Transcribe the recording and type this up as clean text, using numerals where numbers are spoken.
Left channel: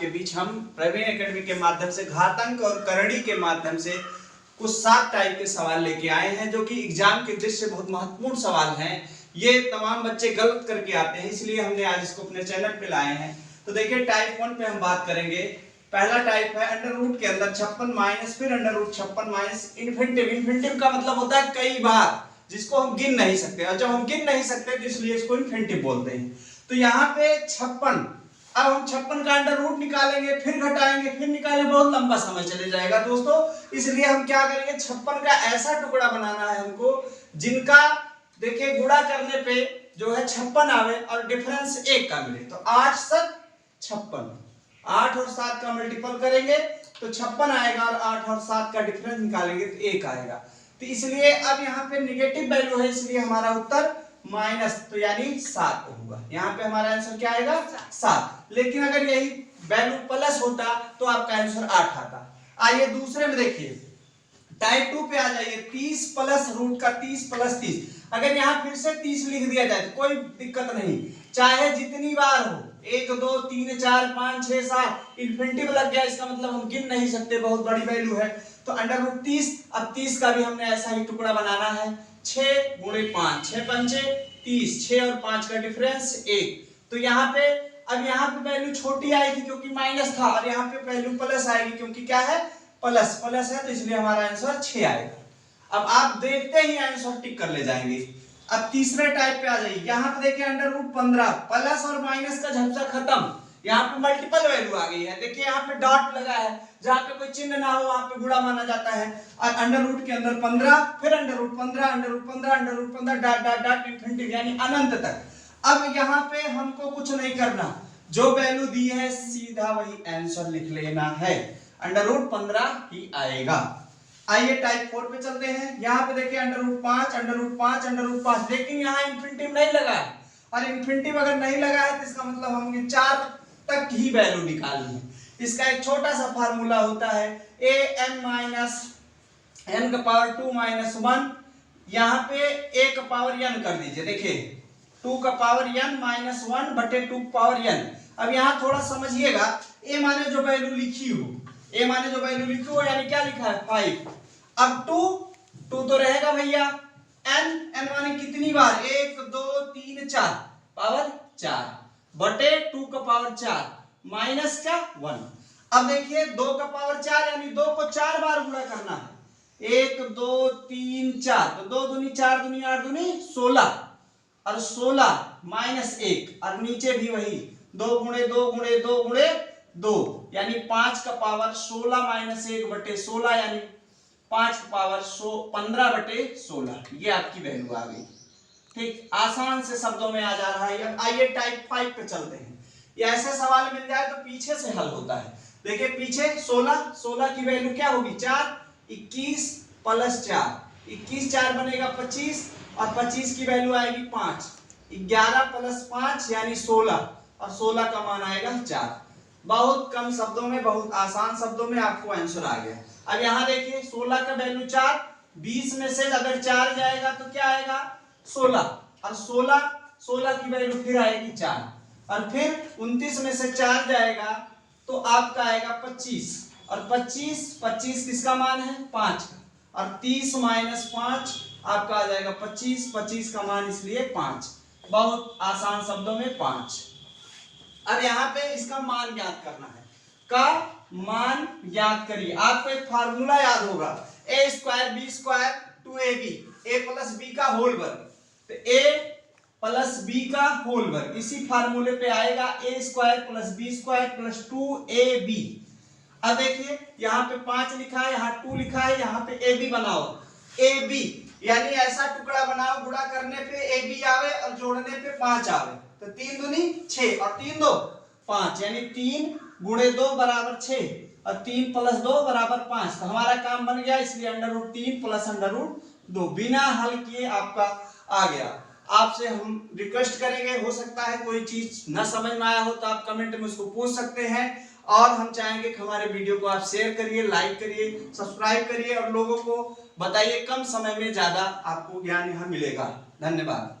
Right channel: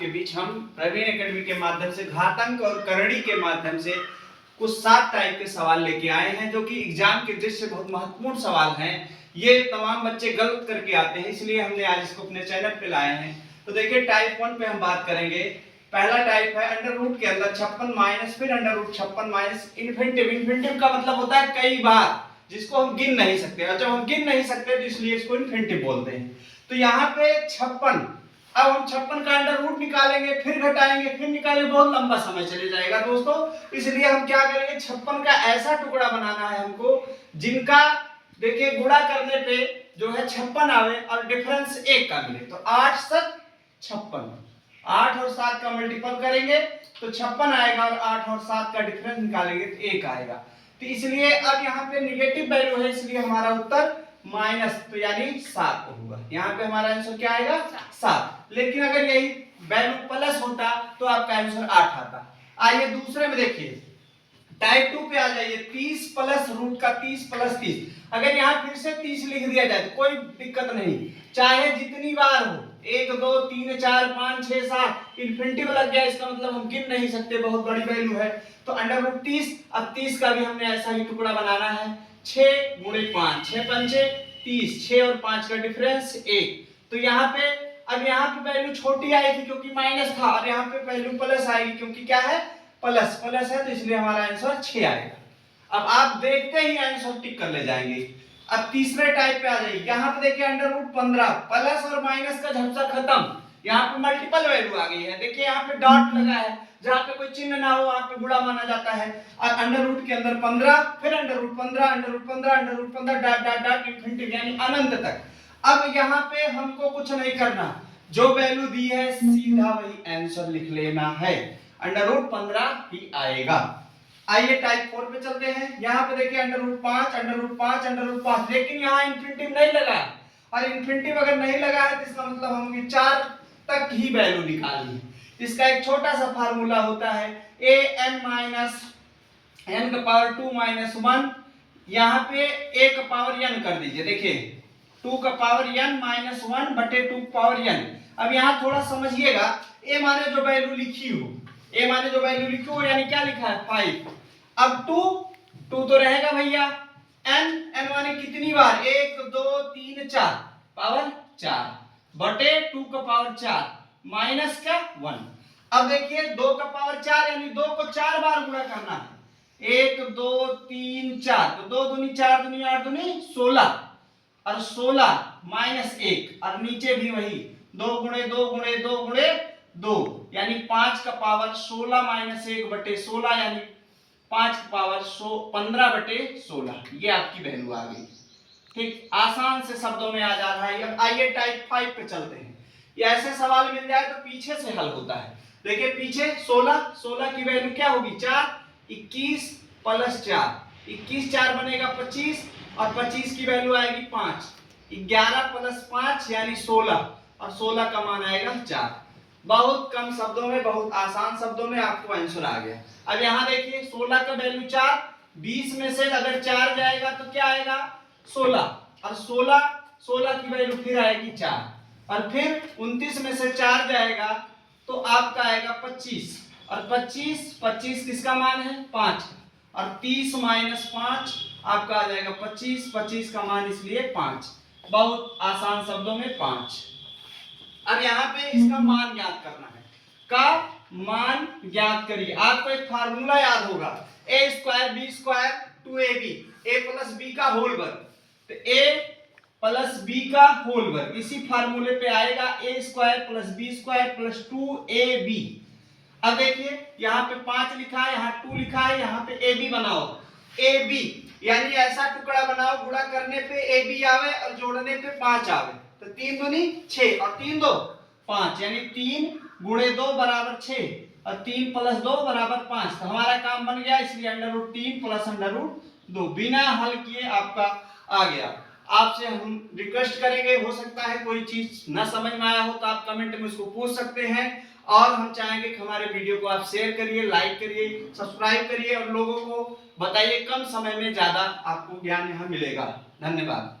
के बीच हम प्रवीण एकेडमी के माध्यम से घातांक और करणी के माध्यम से कुछ 7 टाइप के सवाल लेके आए हैं, जो कि एग्जाम के दृष्टि से बहुत महत्वपूर्ण सवाल हैं। ये तमाम बच्चे गलत करके आते हैं, इसलिए हमने आज इसको अपने चैनल पे लाए हैं। तो देखिए, टाइप 1 पे हम बात करेंगे। पहला टाइप है अंडर रूट के अंदर 56 माइनस, फिर under root 56 minus infinitive. Infinitive का मतलब होता है कई बार, जिसको हम गिन नहीं सकते, और जब हम गिन नहीं सकते तो इसलिए इसको इन्फिनिटिव बोलते हैं। तो यहाँ पे 56, अब हम 56 का अंडर रूट निकालेंगे, फिर घटाएंगे, फिर निकालेंगे, बहुत लंबा समय चले जाएगा दोस्तों। इसलिए हम क्या करेंगे, 56 का ऐसा टुकड़ा बनाना है हमको जिनका देखिए गुणा करने पे जो है 56 आवे और डिफरेंस 1 का मिले। तो 8 7 56, 8 और 7 का मल्टीपल करेंगे तो 56 आएगा, और 8 और 7 का डिफरेंस निकालेंगे तो 1 आएगा। तो इसलिए अब यहाँ पे निगेटिव वैल्यू है, इसलिए हमारा उत्तर माइनस, तो यानी 7 होगा। यहाँ पे हमारा आंसर क्या आएगा, 7। लेकिन अगर यही वैल्यू प्लस होता तो आपका आंसर 8 आता। आइए दूसरे में देखिए, टाइप 2 पे आ जाइए। 30 प्लस रूट का 30 प्लस 30, अगर यहाँ फिर से 30 लिख दिया जाए तो कोई दिक्कत नहीं, चाहे जितनी बार हो, 1 2 3 4 5 6 7, इन्फिनिटिव लग गया, इसका मतलब हम गिन नहीं सकते, बहुत बड़ी वैल्यू है। तो अंडर रूट 30, अब 30 का भी हमने ऐसा ही टुकड़ा बनाना है। 6 गुणे 5, 6 पंचे 30, 6 और 5 का डिफरेंस 1। तो यहाँ पे अब यहाँ पे वैल्यू छोटी आई थी क्योंकि माइनस था, और यहाँ पे वैल्यू प्लस आएगी क्योंकि क्या है, प्लस प्लस है, तो इसलिए हमारा आंसर 6 आएगा। अब आप देखते ही आंसर टिक कर ले जाएंगे। अब तीसरे टाइप पे आ जाइए। यहाँ पे देखिए अंडर रूट 15, प्लस और माइनस का झपसा खत्म, यहाँ पे मल्टीपल वैल्यू आ गई है। देखिए यहाँ पे डॉट लगा है, जहाँ पे कोई चिन्ह ना हो वहां पे गुणा माना जाता है। और अंडर रूट के अंदर 15, फिर under root 15, under root 15, under root 15, dot dot dot infinity यानी अनंत तक। अब यहाँ पे हमको कुछ नहीं करना, जो वैल्यू दी है सीधा वही आंसर लिख लेना है, अंडर रूट 15 ही आएगा। आइए टाइप 4 पे चलते हैं। यहाँ पे देखिए under root 5, under root 5, under root 5, लेकिन यहाँ इन्फिनिटिव नहीं लगा है, और इन्फिनिटिव अगर नहीं लगा है तो इसका मतलब हमें 4 तक ही वैल्यू निकालनी है। इसका एक छोटा सा फार्मूला होता है, a n माइनस n का पावर 2 माइनस 1, यहाँ पे a का पावर n कर दीजिए। देखिए 2 का पावर n माइनस 1 बटे 2 पावर n। अब यहाँ थोड़ा समझिएगा, a माने जो वैल्यू लिखी हो, a माने जो वैल्यू लिखी हो यानी क्या लिखा है 5। अब 2 तो रहेगा भैया, n माने कितनी बार, 1 2 3 4 पावर 4 बटे 2 का पावर 4 माइनस का 1। अब देखिए 2 का पावर 4 यानी 2 को 4 बार गुणा करना है, 1 2 3 4, तो 2 दूनी 4 दूनी 8 दूनी 16, और 16 माइनस 1, और नीचे भी वही 2 गुणे 2 गुणे 2 गुणे 2 यानी 5 का पावर 16 माइनस 1 बटे 16 यानी 5 का पावर 15 बटे 16। ये आपकी वैल्यू आ गई। ठीक, आसान से शब्दों में आ जा रहा है। अब आइए टाइप 5 पे चलते हैं। ये ऐसे सवाल मिल जाए तो पीछे से हल होता है। देखिए पीछे 16 की वैल्यू क्या होगी 4, 21 प्लस 4, 21 4 बनेगा 25, और 25 की वैल्यू आएगी 5, 11 प्लस 5 यानी 16, और 16 का मान आएगा 4। बहुत कम शब्दों में, बहुत आसान शब्दों में आपको आंसर आ गया। अब यहाँ देखिए 16 का वैल्यू 4, 20 में से अगर 4 जाएगा तो क्या आएगा 16, और 16 की वैल्यू फिर आएगी 4, और फिर 29 में से 4 जाएगा तो आपका आएगा 25, और 25 किसका मान है 5, और 30 माइनस 5 आपका आ जाएगा 25 का मान इसलिए 5। बहुत आसान शब्दों में 5। अब यहाँ पे इसका मान ज्ञात करना है, का मान ज्ञात करिए। आपको एक फार्मूला याद होगा, a square b square 2ab, a plus b का होल वर्ग, तो a प्लस b का होल वर्ग इसी फार्मूले पे आएगा, a square plus b square plus 2ab। अब देखिए यहाँ पे 5 लिखा है, यहाँ 2 लिखा है, यहाँ पे ab बनाओ, ab यानी ऐसा टुकड़ा बनाओ गुणा करने पे ab आवे और जोड़ने पे 5 आवे, तो 3 दूनी 6 और 3 2 5 यानी 3 गुणे 2 बराबर 6, और 3 प्लस 2 बराबर 5। तो हमारा काम बन गया, इसलिए under root 3 plus under root 2 बिना हल किए आपका आ गया। आपसे हम रिक्वेस्ट करेंगे, हो सकता है कोई चीज ना समझ में आया हो तो आप कमेंट में उसको पूछ सकते हैं, और हम चाहेंगे कि हमारे वीडियो को आप शेयर करिए, लाइक करिए, सब्सक्राइब करिए, और लोगों को बताइए। कम समय में ज्यादा आपको ज्ञान यहाँ मिलेगा। धन्यवाद।